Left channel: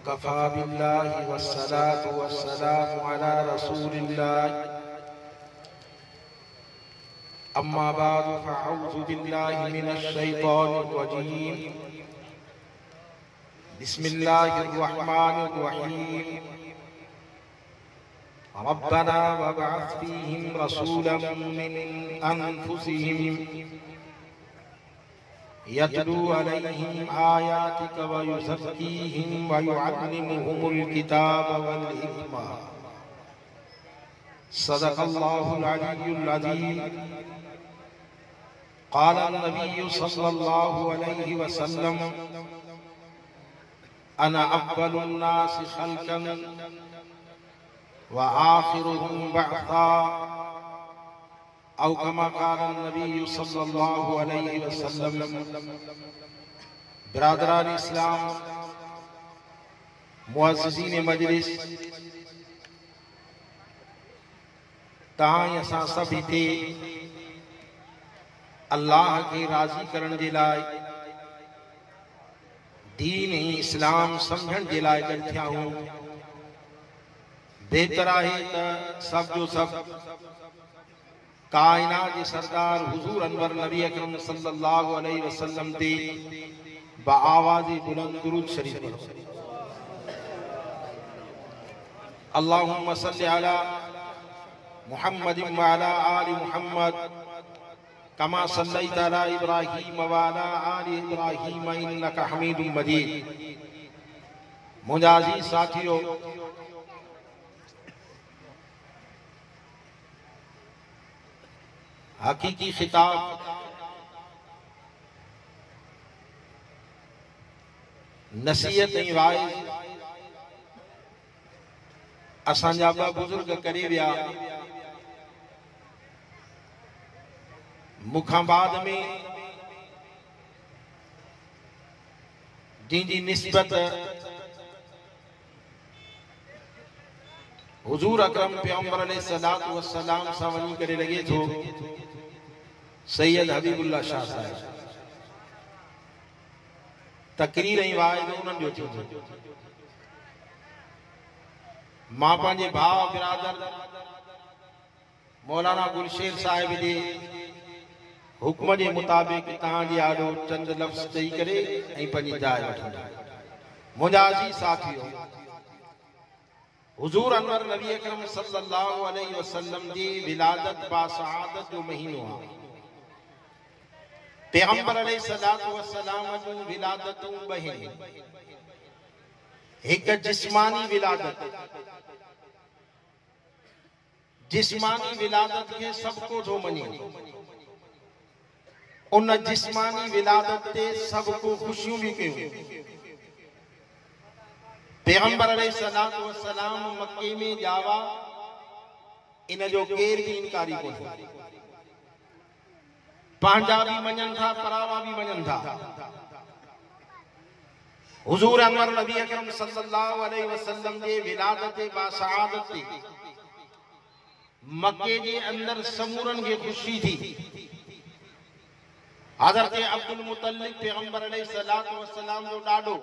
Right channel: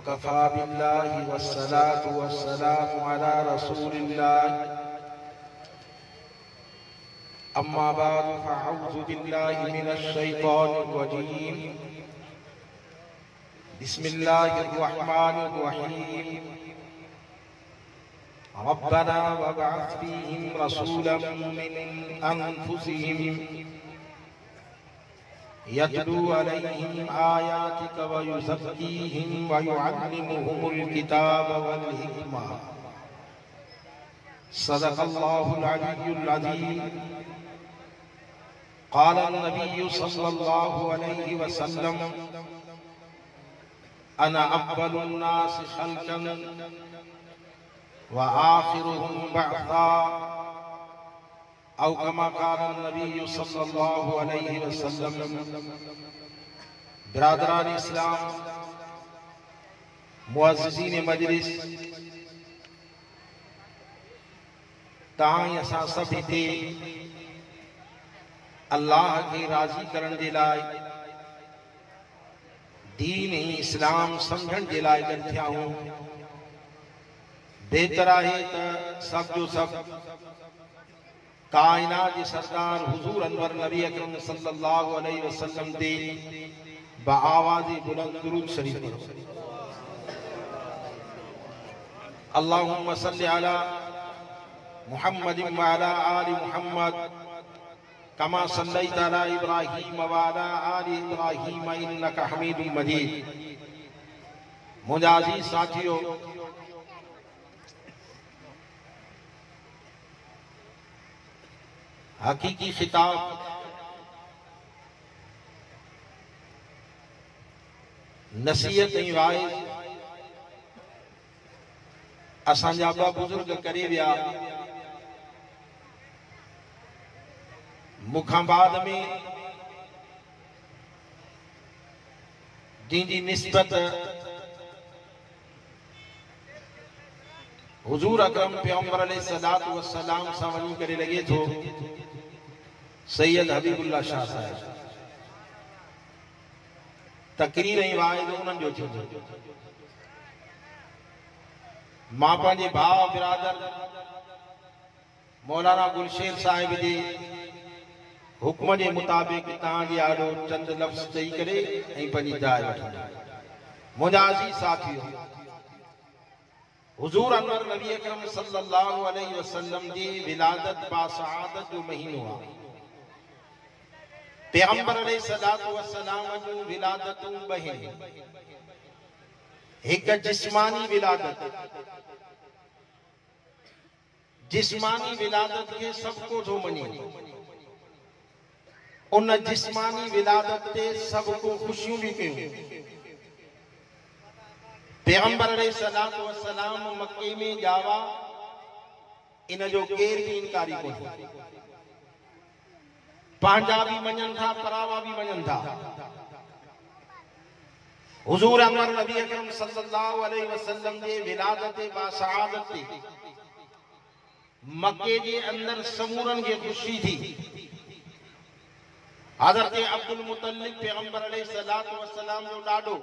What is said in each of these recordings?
वकफ़ा बिल्लाहि वस्सलातु वस्सलामु अला रसूलिल्लाह अम्मा बादु फ़अऊज़ु बिल्लाहि मिनश शैतानिर रजीम बिस्मिल्लाहिर रहमानिर रहीम रब्बना वबअथ फ़ीहिम रसूलन मिन अनफुसिहिम यतलू अलैहिम आयातिक व युज़क्कीहिम व युअल्लिमुहुमुल किताब वल हिकमा सदक़ल्लाहुल अलिय्युल अज़ीम। क़ाल नबी सल्लल्लाहु अलैहि वसल्लम अना अव्वलुन नास ख़ल्क़न व आखिरुहुम बअसा औ कमा क़ाल नबी सल्लल्लाहु अलैहि वसल्लम। बिरादरान इस्लाम, मुअज़्ज़िज़ीन मजलिस, तहां असां सभु हिते अल्लाह खे राज़ी करण जे लाइ दीन इस्लाम समझण जे लाइ गॾु थिया आहियूं। बेहतर आहे त सभ जो सभु कायनात जे सरदार हुजूर अनवर नबी अकरम सल्लल्लाहु अलैहि वसल्लम ते बाआवाज़ बुलंद दुरूद शरीफ पढ़ो। अल्लाहुम्मा सल्लि अला मुहम्मदिन व अला आलि मुहम्मद कमा सल्लैता अला इब्राहीम व अला आलि इब्राहीम इन्नका हमीदुम मजीद। मुंहिंजा अज़ीज़ साथियो, हकीकी खिताब नसीहत ऐं वाइज़ असांजा ॿ बुज़ुर्ग करे विया। मूंखां बाद में जंहिंजी निस्बत हुजूर अकरम पैगंबर अलैहिस्सलातु वस्सलाम सां वञी करे लॻे थो, सैयद हबीबुल्लाह शाह साहिब। तकरीर ऐं वाइज़ उन्हनि जो थींदो। मां पंहिंजे भाउ बिरादर मौलाना गुलशेर साहिब जे हुक्म जे मुताबिक़ तव्हांजे आॾो चंद लफ़्ज़ चई करे ऐं पंहिंजी जाइ वठंदो। मुंहिंजा अज़ीज़ साथियो, हुजूर अनवर नबी अकरम सल्लल्लाहु अलैहि वसल्लम जी विलादत बासआदत जो महीनो आहे। पैगंबर अलैहिस्सलातु वस्सलाम जूं विलादतूं ॿ आहिनि। हिकु जिस्मानी विलादत। जिस्मानी विलादत खे सभु को थो मञे। उन जिस्मानी विलादत ते सभु को ख़ुशियूं बि कयूं। पैगंबर अलैहिस्सलातु वस्सलाम मक्के में ॼावा, इन जो केर बि इनकारी कोन्हे। पंहिंजा बि मञनि था, परावा बि मञनि था। हुजूर अनवर नबी अकरम सल्लल्लाहु अलैहि वसल्लम जे विलादत बासआदत ते मक्के जे अंदर समूरनि खे ख़ुशी थी। हज़रत अब्दुल मुतलिब पैगंबर अलैहिस्सलातु वस्सलाम जो ॾाॾो,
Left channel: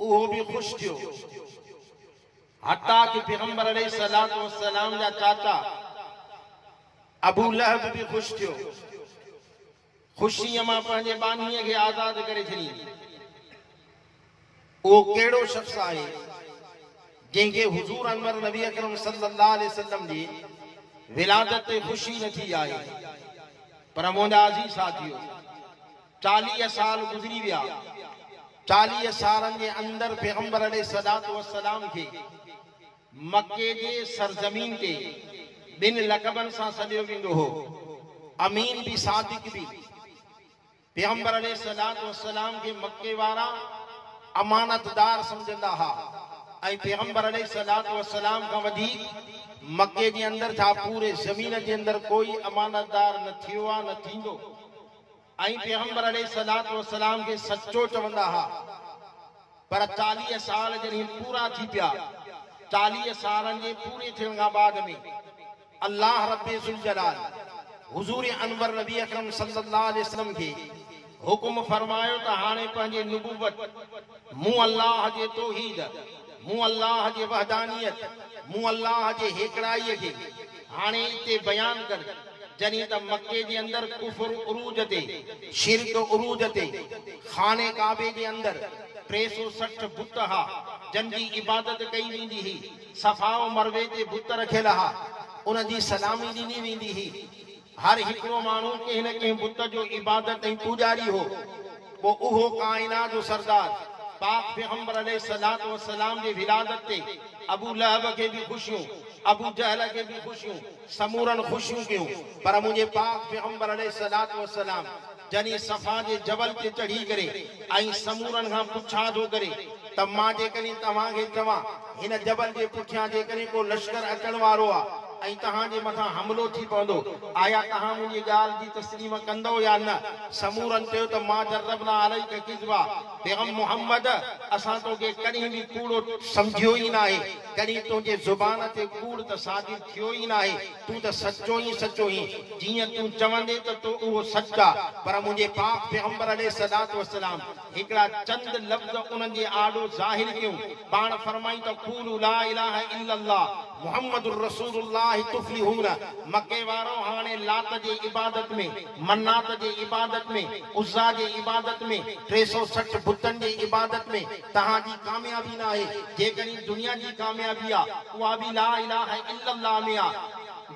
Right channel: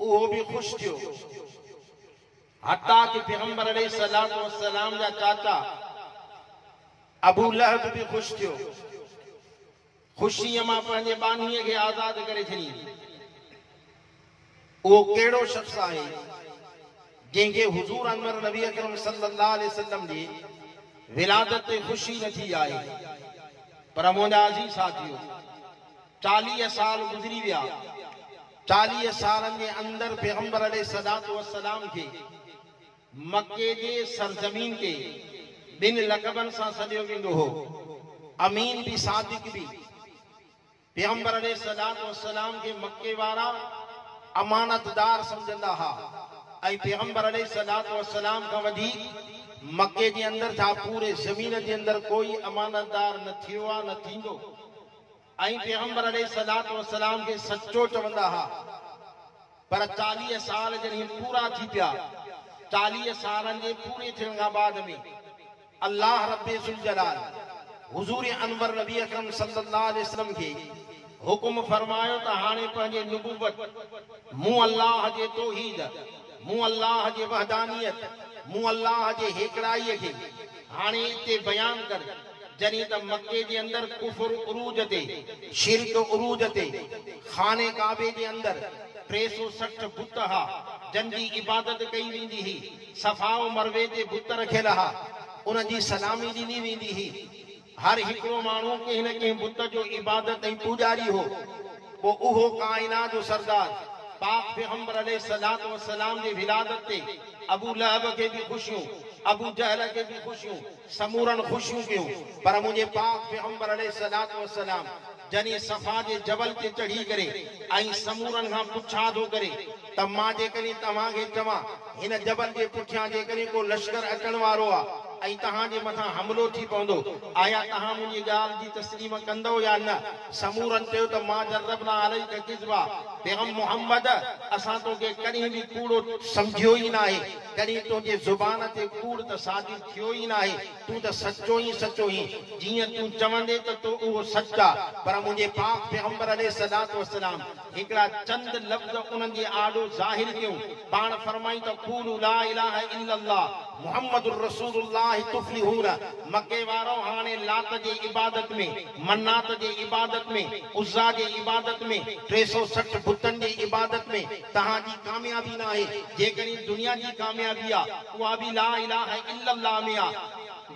उहो बि ख़ुशि थियो। हत्ता कि पैगंबर अलैहिस्सलातु वस्सलाम जा चाचा अबू लहब बि ख़ुशि थियो। ख़ुशीअ मां पंहिंजे बानीअ खे आज़ाद करे छॾी। उहो कहिड़ो शख़्स आहे जंहिंखे हुजूर अनवर नबी अकरम सल्लल्लाहु अलैहि वसल्लम जी विलादत ते ख़ुशी न थी आहे। पर मुंहिंजा अज़ीज़ साथियो, 40 साल गुज़री विया। 40 सालनि जे अंदर पैगंबर अलैहिस्सलातु वस्सलाम खे मक्के जे सरज़मीन ते ॿिनि लक़बनि सां सॾियो वेंदो हो, अमीन बि सादिक बि। पैगंबर अलैहिस्सलातु वस्सलाम खे मक्के वारा अमानतदार समझंदा हुआ ऐं पैगंबर अलैहिस्सलातु वस्सलाम खां वधीक मक्के जे अंदर छा पूरे ज़मीन जे अंदर कोई अमानतदार न थियो आहे, न थींदो। ऐं पैगंबर अलैहिस्सलातु वस्सलाम खे सचो चवंदा हुआ। पर 40 साल जॾहिं पूरा थी पिया, 40 सालनि जे पूरे थियण खां बाद में अल्लाह रब्बे ज़ुल जलाल हुजूर अनवर नबी अकरम सल्लल्लाहु अलैहि वसल्लम के हुक्म फरमायो त हाणे पंहिंजे नुबुवत मूं अल्लाह जे तौहीद, मूं अल्लाह जे वहदानियत, मूं अल्लाह जे हेकड़ाईअ खे हाणे इते बयान कर। जॾहिं त मक्के जे अंदर कुफर उरूज ते, शिरक उरूज ते, खाने काबे जे अंदर 360 बुत हा जन जी इबादत कई वेंदी हुई। सफ़ाओ मरवे ते बुत रखियल हा, उन जी सलामी ॾिनी वेंदी हुई। हर हिकिड़ो माण्हू कंहिं न कंहिं बुत जो इबादत ऐं पूजारी हो। पोइ उहो काइनात जो सरदार पाक पैगंबर अलैहिस्सलात व सलाम जी विलादत ते अबू लहब के भी खुशियों, अबू जहल के भी खुशियों, समूरन खुशियों क्यों। पर मुझे पाक पैगंबर अलैहिस्सलात व सलाम जनी सफा जे जबल ते चढ़ी करे ऐं समूरन खां पुछा थो करे त मां जेकॾहिं तव्हांखे चवां हिन जबल जे पुठियां जेकॾहिं को लश्कर अचण वारो आहे ऐं तव्हांजे मथां हमलो थी पवंदो, आया तव्हां मुंहिंजी ॻाल्हि जी तस्लीम कंदो या न। समूरन चयो त मां जर्रबना अलैका किज़्बा, पैगंबर मोहम्मद असां तोखे कॾहिं बि कूड़ो सम्झियो ई न आहे, कॾहिं तुंहिंजे ज़ुबान ते कूड़ त सादिर थियो ई न आहे। तूं त सचो ई सचो ई, जीअं तूं चवंदे त तो उहो सच आहे। पर मुंहिंजे पाक पैगंबर अलैहिस्सलात व सलाम हिकिड़ा चंद लफ़्ज़ उन्हनि जे आॾो ज़ाहिर कयूं। पाण फरमाई त क़ूलू ला इलाहा इल्लल्लाह मुहम्मदुर रसूलुल्लाह तुफ्लिहून। मके वारो हाणे लात जे इबादत में, मन्नात जे इबादत में, उज़्ज़ा जे इबादत में, 360 बुतन जे इबादत में तहांजी कामयाबी न आहे। जेकॾहिं दुनिया जी कामयाबी आहे उहा बि ला इलाहा इल्लल्लाह में आहे।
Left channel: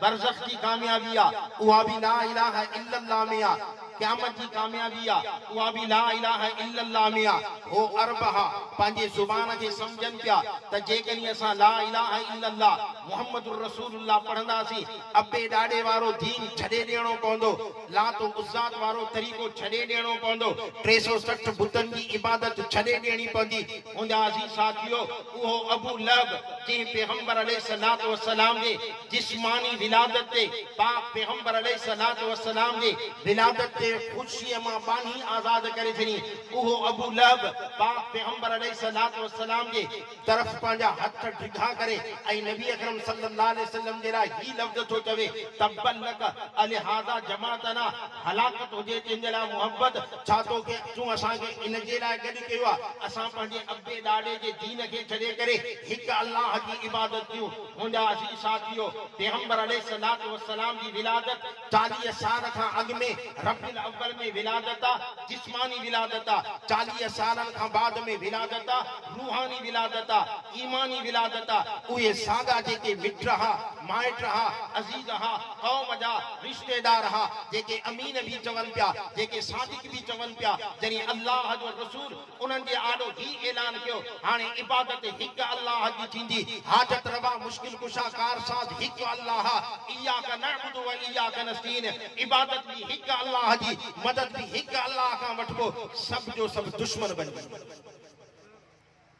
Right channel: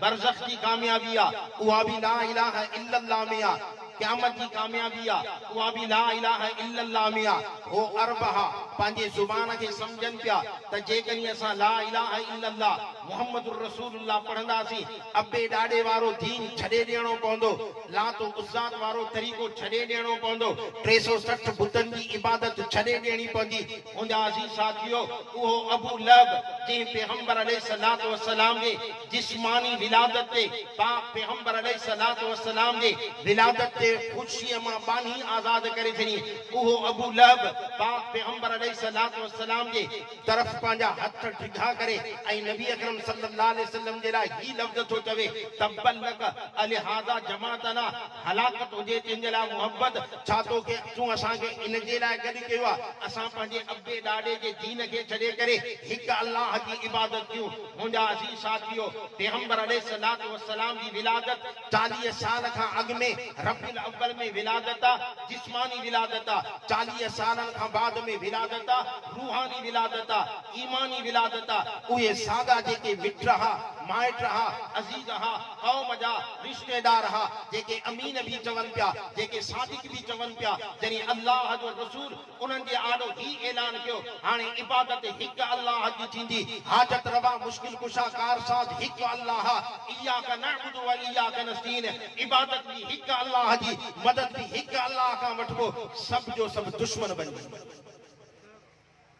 बरज़ख जी कामयाबी आहे उहा बि ला इलाहा इल्लल्लाह में आहे। क़यामत जी कामयाबी आहे उहा बि ला इलाहा इल्लल्लाह में आहे। हो अरब हा पंहिंजे ज़ुबान खे सम्झनि पिया त जेकॾहिं असां ला इलाहा इल्लल्लाह मुहम्मदुर रसूलुल्लाह पढ़ंदासीं अबे ॾाॾे वारो दीन छॾे ॾियणो पवंदो, लात उज़्ज़ात वारो तरीक़ो छॾे ॾियणो पवंदो, 360 बुतनि जी इबादत छॾे ॾियणी पवंदी। मुंहिंजा अज़ीज़ साथियो, उहो अबू लहब जंहिं पैगंबर अलैहिस्सलात व सलाम जे जिस्मानी विलादत ते, पाक पैगंबर अलैहिस्सलात व सलाम जे विलादत ते खुशीअ मां बानी आज़ाद करे छॾी, उहो अबू लहब पाक पैगंबर अलैहिस्सलात व सलाम जे तरफ़ पंहिंजा हथ डिघा करे ऐं नबी अकरम सल्लल्लाहु अलैहि वसल्लम जे लाइ ही लफ़्ज़ थो चवे तब्बन लक अलिहाज़ा जमातना, हलाकत हुजे तुंहिंजे लाइ मुहब्बत, छा तोखे तूं असांखे इन जे लाइ गॾु कयो आहे असां पंहिंजे अबे ॾाॾे जे दीन खे छॾे करे हिकु अल्लाह जी इबादत कयूं। मुंहिंजा अज़ीज़ साथियो, पैगंबर अलैहिस्सलात व सलाम जी विलादत 40 साल खां अॻु में रबीउल अव्वल में विलादत आहे, जिस्मानी विलादत आहे। 40 सालनि खां बाद में विलादत आहे, रूहानी विलादत आहे, ईमानी विलादत आहे। उहे सागा जेके मिट हा, माइट हा, अज़ीज़ हा, क़ौम जा रिश्तेदार हा, जेके अमीन भी चवनि पिया, जेके सादिक भी चवनि पिया, जॾहिं अल्लाह जो रसूल उन्हनि जे आॾो ही ऐलान कयो हाणे इबादत हिकु अल्लाह जी थींदी, हाजत रवा मुश्किल कुशा कार साथ हिकु अल्लाह, इय्याका नअबुदु व इय्याका नस्तईन, इबादत भी हिकु अल्लाह जी, मदद भी हिकु अल्लाह खां वठिबो, सभु जो सभु दुश्मन बनी।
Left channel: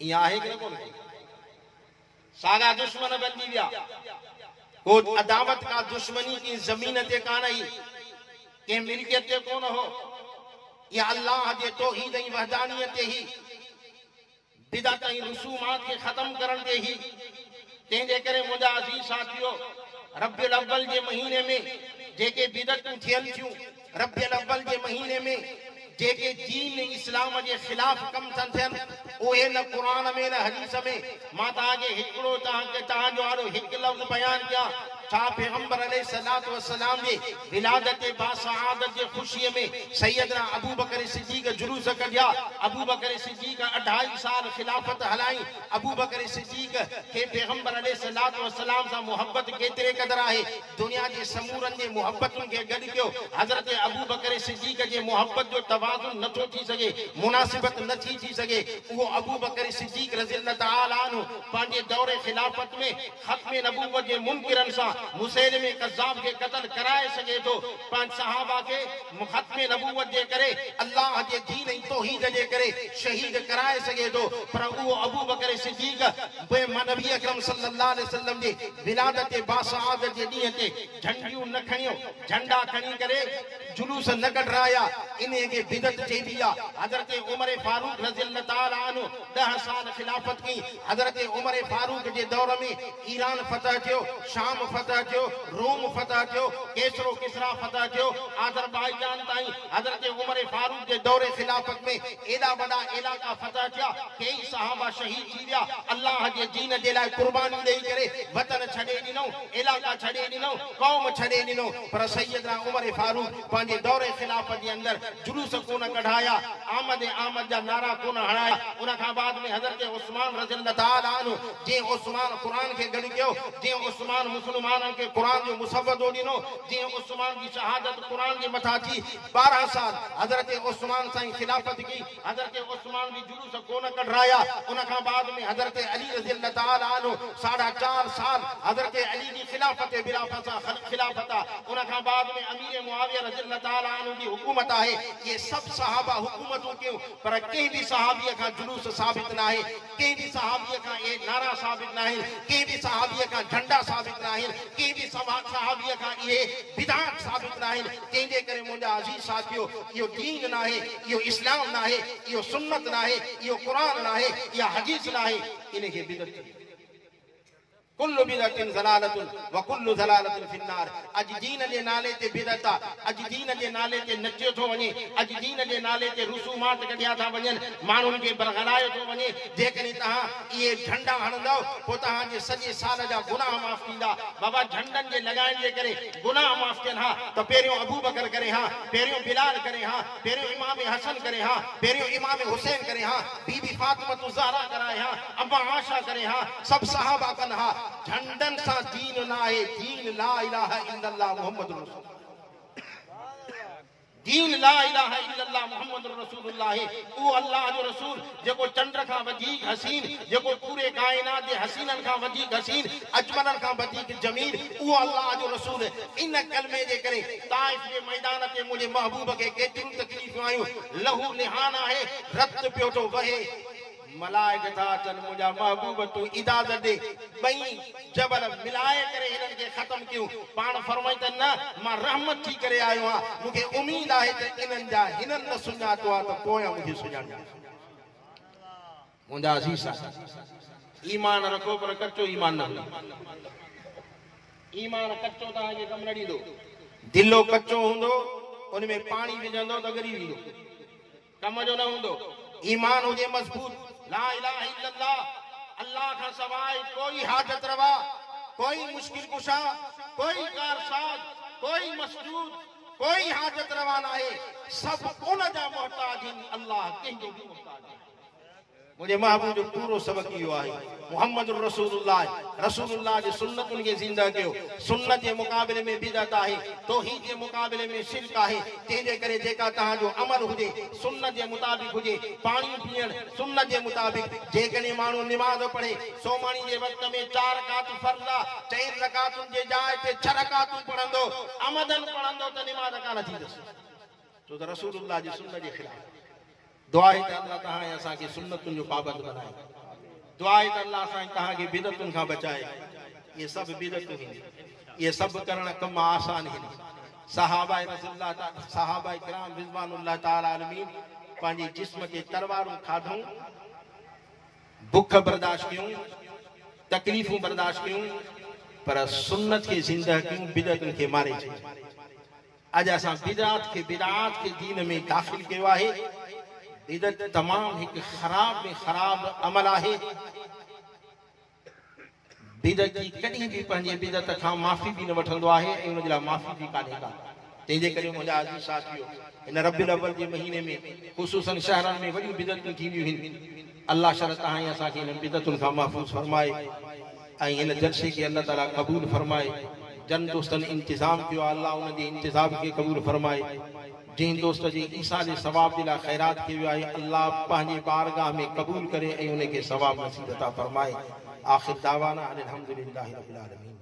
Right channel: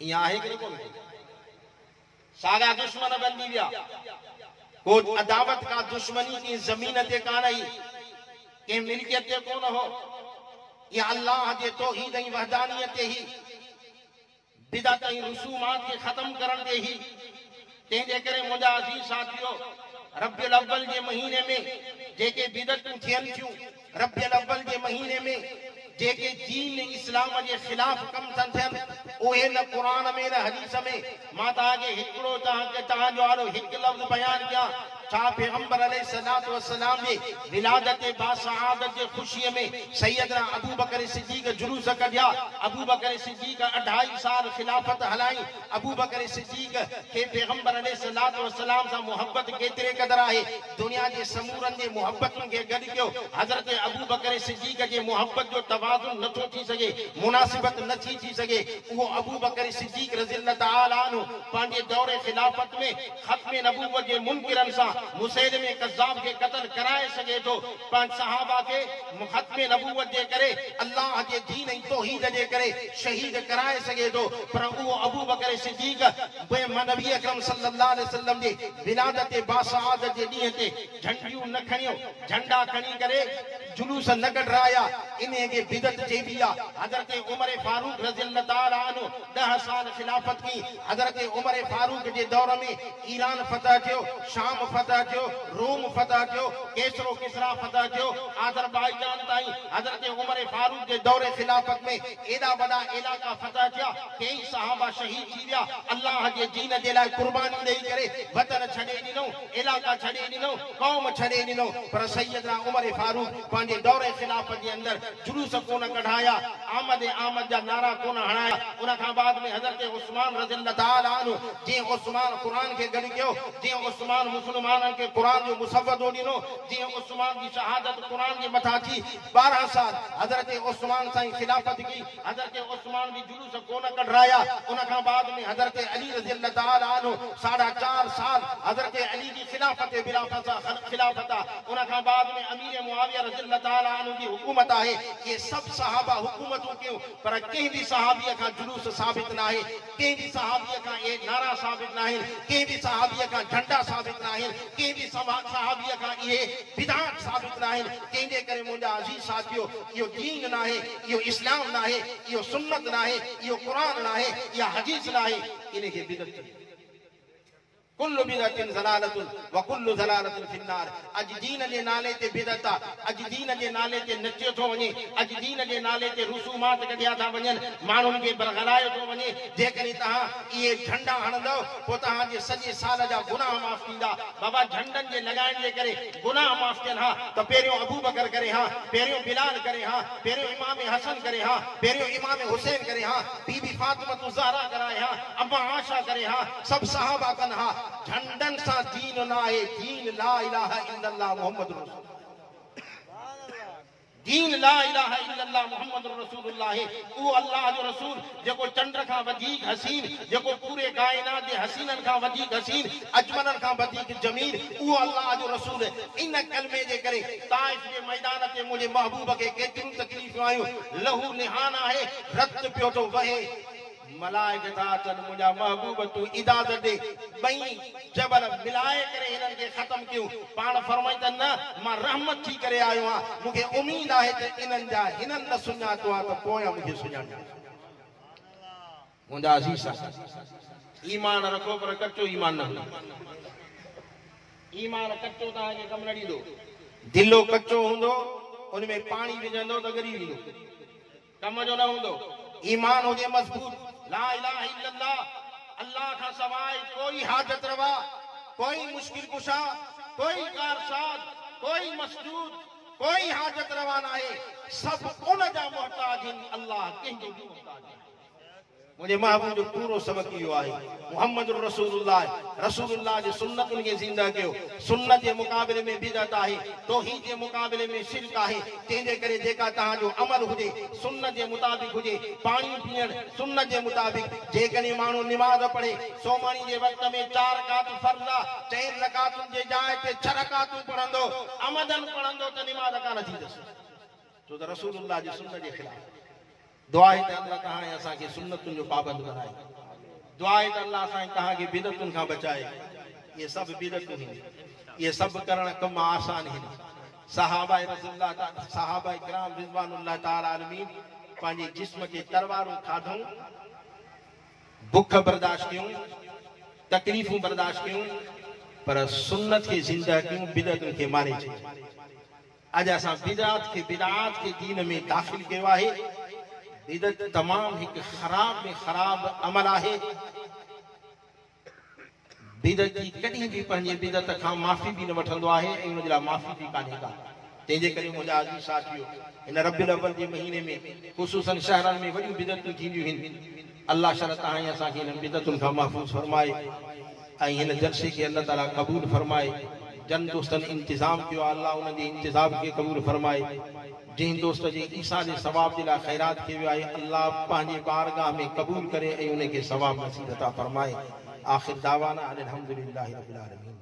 इहा आहे कि न कोन्हे? सागा दुश्मन बनी विया। को अदावत का दुश्मनी की जमीन ते कान आई, के मिल्कियत ते कोन हो, या अल्लाह जे तौहीद ऐं वहदानियत ते ही, बिदअत ऐं रसूमात खे ख़त्म करण ते ही। तंहिंजे करे मुंहिंजा अज़ीज़ साथियो, रबियुल अव्वल जे महीने में जेके बिदअतूं थियनि थियूं, रबियुल अव्वल जे महीने में जेके दीन इस्लाम जे खिलाफ कम था थियनि, उहे न क़ुरान में न हदीस में। मां तव्हांखे हिकिड़ो तव्हांजो आॾो हिकु लफ़्ज़ बयान कयां, छा पैगंबर अलैहिस्सलात व सलाम जे विलादत बासआदत जे खुशीअ में सैयदना अबू बकर सिद्दीक़ जुलूस कढिया। अबू बकर सिद्दीक़ 2.5 साल खिलाफत हलाई। अबू बकर सिद्दीक़ खे पैगंबर अलैहिस्सलात व सलाम सां मोहब्बत केतिरे क़दर आहे, दुनिया जे समूरनि जे मोहब्बतुनि खे गॾु कयो। हज़रत अबू बकर सिद्दीक़ जे मोहब्बत जो तवाज़ुन नथो थी सघे, मुनासिबत नथी थी सघे। उहो अबू बकर सिद्दीक़ रज़ियल्लाहु तआला अन्हु पंहिंजे दौरे खिलाफत में ख़त्म नबूवत जे मुनकिरनि सां मुसैलिमे कज़्ज़ाब के कत्ल कराए सके तो, पांच सहाबा के ख़त्म नबूवत जे करे अल्लाह जे दीन ऐं तौहीद जे करे शहीद कराए सके तो। पर उहो अबू बकर सिद्दीक़ नबी अकरम सल्लल्लाहु अलैहि वसल्लम जे विलादत बासआदत जे ॾींहं ते झंडियूं न खणियो, झंडा खणी करे जुलूस न कढाया, इन खे बिदअत चइबी आहे। हज़रत उमर फारूक रज़ियल्लाहु तआला अन्हु 10 साल खिलाफत की। हज़रत उमर फारूक जे दौर में ईरान फतह थियो, शाम फतह फतह थियो, रूम फतह थियो, केसरो किसरा फतह थियो, आज़रबाईजान ताईं हज़रत उमर फारूक जे दौरे खिलाफत में एॾा वॾा इलाका फतह थिया, कई सहाबा शहीद थी विया, अल्लाह जे दीन जे लाइ कुर्बानी ॾेई करे वतन छॾे ॾिनो, इलाका छॾे ॾिनो, क़ौम छॾे ॾिनो। पर सैयदना उमर फारूक पंहिंजे दौरे खिलाफत जे अंदरि जुलूस कोन कढाया, आमद जा नारा कोन हणाया। उन खां बाद में हज़रत उस्मान रज़ियल्लाहु ताला अन्हु, जीअं उस्मान क़ुर खे गॾु कयो, जीअं उस्मान मुस्लमाननि खे क़ुर जो मुसवदो ॾिनो, जीअं उस्मान जी शहादत क़ुर जे मथां थी। 12 साल हज़रत उस्मान साईं खिलाफत की, हज़रत उस्मान जी जुलूस कोन कढाया। उन खां बाद में हज़रत अली रज़ियल्लाहु ताला अन्हु 4.5 साल हज़रत अली जी खिलाफत खिलाफत। उन खां बाद में अमीर मुआविया रज़ियल्लाहु ताला अन्हु जी हुकूमत आहे। ये सब सहाबा हुकूमतूं कयूं, पर कंहिं बि सहाबीअ खां जुलूस साबित न आहे, कंहिं बि सहाबीअ खां ये नारा साबित न आहिनि, कंहिं बि सहाबीअ खां झंडा साबित न आहिनि, कंहिं बि सहाबीअ खां इहे बिदअत साबित न आहिनि। तंहिंजे करे मुंहिंजा अज़ीज़ साथियो, इहो दीन न आहे, इहो इस्लाम न आहे, इहो सुन्नत न आहे, इहो क़ुर न आहे, इहा हदीस न आहे, इनखे बिदअत कुल्लु बिदअतिन ज़लालतुन व कुल्लु ज़लालतिन फिन्नार। अॼु दीन जे नाले ते बिदअत आहे, अॼु दीन जे नाले ते नचियो थो वञे, अॼु दीन जे नाले ते रुसूमात कढिया था वञनि, माण्हुनि खे बरगलायो थो वञे। जेकॾहिं तव्हां इहे झंडा हणंदव पोइ तव्हांजे सॼे साल जा गुनाह माफ़ थींदा। बाबा झंडनि जे लॻाइण जे करे गुनाह माफ़ थियनि हा त पहिरियों अबू बकर करे हा, पहिरियों बिलाल करे हा, पहिरियों इमाम हसन करे हा, पहिरियों इमाम हुसैन करे हा, बीबी फातिमा ज़हरा कराए हा, अम्मा आशा करे हा, सभु सहाबा कनि हा। झंडन सां दीन न आहे, दीन ला इलाहा इल्लल्लाह मुहम्मद रसूल, दीन ला इलाहा इल्लल्लाह मुहम्मद रसूलुल्लाह है। वो अल्लाह जो रसूल जेको चंद्र खां वधीक हसीन, जेको पूरे कायनात जे हसीनन खां वधीक हसीन, अजमलन खां वधीक जमील, वो अल्लाह जो रसूल। इन कलमे जे करे ताइफ जे मैदान ते मुंहिंजे महबूब खे केतिरियूं तकलीफ़ूं आयूं, लहू निहान आहे, रत पियो थो वहे। मलाइका अचनि, मुंहिंजा महबूब तूं इजाज़त ॾे, ॿई जबल मिलाए करे हिननि खे ख़तम कयूं। पाण फरमाई त न, मां रहमत थी करे आयो आहियां, मूंखे उमीद आहे त इन्हनि जा हिननि न सुञातो आहे त पोयां मूंखे सुञाणींदा। मुंहिंजा अज़ीज़ ईमान रखो, पर कचो ईमान न हूंदो। ईमान कचो तव्हांखे कमु न ॾींदो। दिलो कचो हूंदो, उन में पाणी विझंदो त ॻरी वेंदो, कम जो न हूंदो। ईमान हुजे मज़बूत, ला इलाहा इल्लल्लाह, अल्लाह का सवाइ कोई हाजत रवा, कोई मुश्किल कुशा, कोई कारसाज, कोई मसदूद, कोई हाजत रवा ना है, सब उन जा मोहताज आहिनि, अल्लाह कंहिंजो बि मोहताज आहे। मुंहिंजे महबूब जो पूरो सबक़ इहो आहे, मुहम्मद रसूलुल्लाह जे सुन्नतुनि खे ज़िंदा कयो। सुन्नत जे मुक़ाबले में बिदअत आहे, तौहीद जे मुक़ाबले में शिरक आहे। तंहिंजे करे जेका तव्हांजो अमल हुजे सुन्नत जे मुताबिक़ हुजे, पाणी पीअण सुन्नत जे मुताबिक़, जेकॾहिं माण्हू निमाज़ पढ़े सोमणी जे वक़्त में 4 रकात फर्ज़ आहे, 4 रकातुनि जे जाइ ते 6 रकातूं पढ़ंदो, अमदन पढ़ंदो त निमाज़ कान थींदसि, छो त रसूलुल्लाह जी सुन्नत जे ख़िलाफ़। दुआ है अल्लाह तहां असांखे सुन्नतुनि जो पाबंद बनाए, दुआ है अल्लाह असांखे तव्हांखे बिदअतुनि खां बचाए। ये सब बिदअतूं आहिनि, ये सब करण कम आसान आहिनि। सहाबा किराम रिज़वानुल्लाह ताला अलैहिम पंहिंजे जिस्म ते तलवारूं खाधूं, बुख बर्दाश्त कयूं, तकलीफ़ूं बर्दाश्त कयूं, पर सुन्नत खे ज़िंदा कयूं, बिदअतुनि खे मारे छॾियो। अॼु असां बिदअत खे दीन में दाख़िल कयो आहे। बिदअत तमाम एक खराब में खराब अमल आहे। बिदअती कॾहिं बि पंहिंजे बिदअत खां माफ़ी बि न वठंदो आहे ऐं उन जे लाइ माफ़ी बि कान्हे का। तंहिंजे करे मुंहिंजा अज़ीज़ साथियो, हिन रबिउल अव्वल जे महीने में ख़ुसूसन शहरनि में वॾियूं बिदअतूं थींदियूं आहिनि। अल्लाह शर तहां असांखे हिन बिदअतुनि खां महफ़ूज़ फरमाए ऐं हिन जलसे खे अल्लाह ताला क़बूल फरमाए। जन दोस्तनि इंतज़ाम कयो आहे, अल्लाह उन जे इंतज़ाम खे क़बूल फरमाए। जिन दोस्त जी ईसा जे सवाब जे लाइ ख़ैरात कयो आहे, अल्लाह पंहिंजे बारगाह में क़बूल करे ऐं उन खे सवाब नसीब अता फरमाए। आख़िर दावाना अनिल हम्दुलिल्लाहि रब्बिल आलमीन।